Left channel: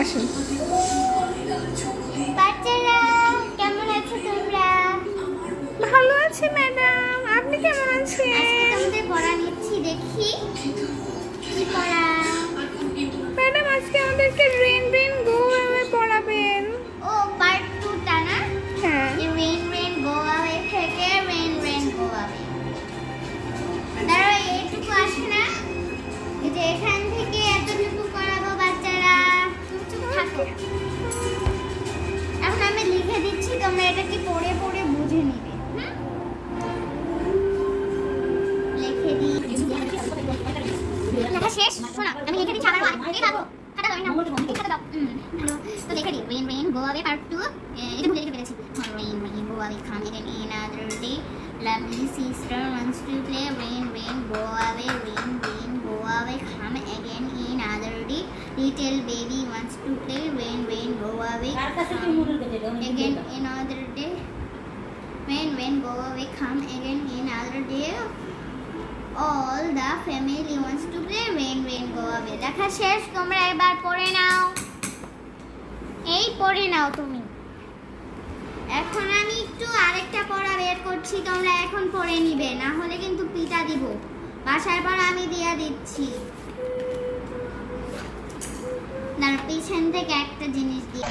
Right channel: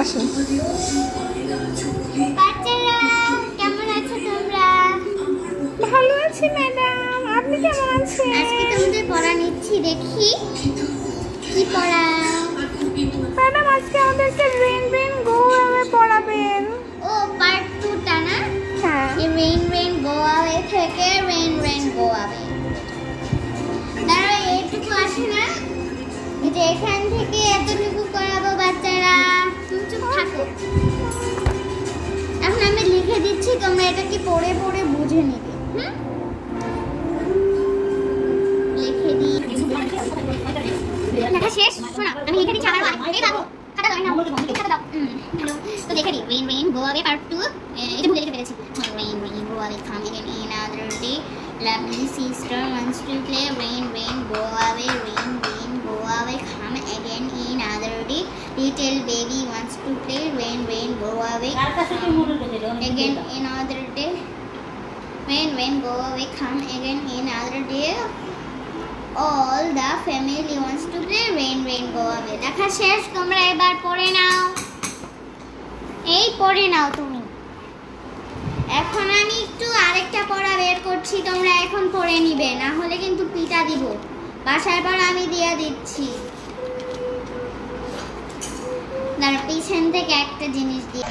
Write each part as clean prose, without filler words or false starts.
আসুন। কেমন আছো তোমরা? ভালো আছি ম্যাডাম, আপনি কেমন আছেন? আজকে তোমাদের পড়া নিচ্ছি, দেখি কি পড়া। ম্যাডাম আজকে আমাদেরকে রেন রেন গো অ্যাওয়ে পড়াবেন। ও পার্ট 2টা না? হ্যাঁ। রেন রেন গো অ্যাওয়ে থেকে রেন রেন গো অ্যাওয়ে। দাঁড়াও, এইটুকু আসে না, এই যে এখান থেকে এতটুকু করাবো বাচ্চারা। তুমি চুপ থাকো। এখন আমি লিখে দিচ্ছি, তোমরা এটাকে পড়ে পড়ে বুঝে নিবে। লিখে দিই। লেখা শেষ? শোনো, আমি লিখে দিচ্ছি আবার এই বাবু খাতা দাও না, খাতা দাও। হ্যালো, তো লিখে দিই rain rain go away part 2। এটা ভুলে লিখে ফেলেছি। Rain rain go away come again in another day. Lovely sister wants to play. Rain rain go away, rain rain go away, come again in another day. Little baby wants to play. Rain rain go away, again in another day. Rain rain go away, come again in another day. All the family wants to play. Rain rain go away. লেখা শেষ, তোমরা এবার পড়ে নাও। এই পড়ে নাও তুমি। এখন আমি একটু আরেকটা পড়া বের করছি, তোমরা এখন পড়ে নিবে, না হলে কিন্তু পিটা দিব। বাসায় পড়া আমি দিয়ে দিচ্ছি। দাঁড়া, পিছন থেকে একটা জিনিস দিয়ে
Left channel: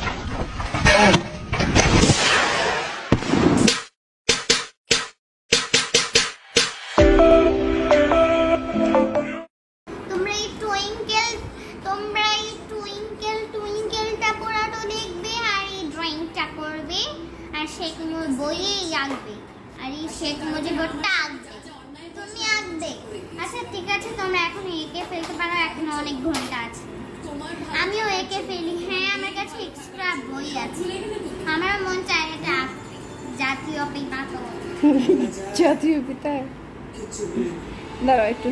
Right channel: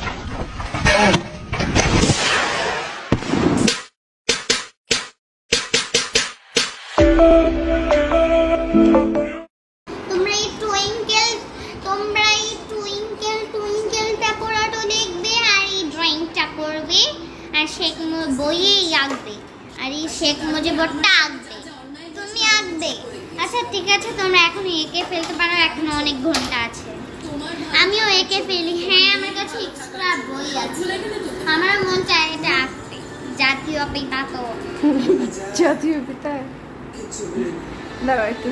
শেখ বইয়েই আঁকবে, আর এই শেখ মুজিবুরটা আঁকবে, তুমি আঁকবে। আচ্ছা ঠিক আছে, তোমরা এখন এঁকে ফেলতে পারো, এখন অনেক ঘন্টা আছে। আমিও এঁকে ফেলি। হ্যাঁ, আমার কাছে এক্সট্রা বই আছে, আমার মন চায় এটা আঁকতে। জাতীয় পিতা তো জাতীয় পিতা, দাঁড়াও একটু।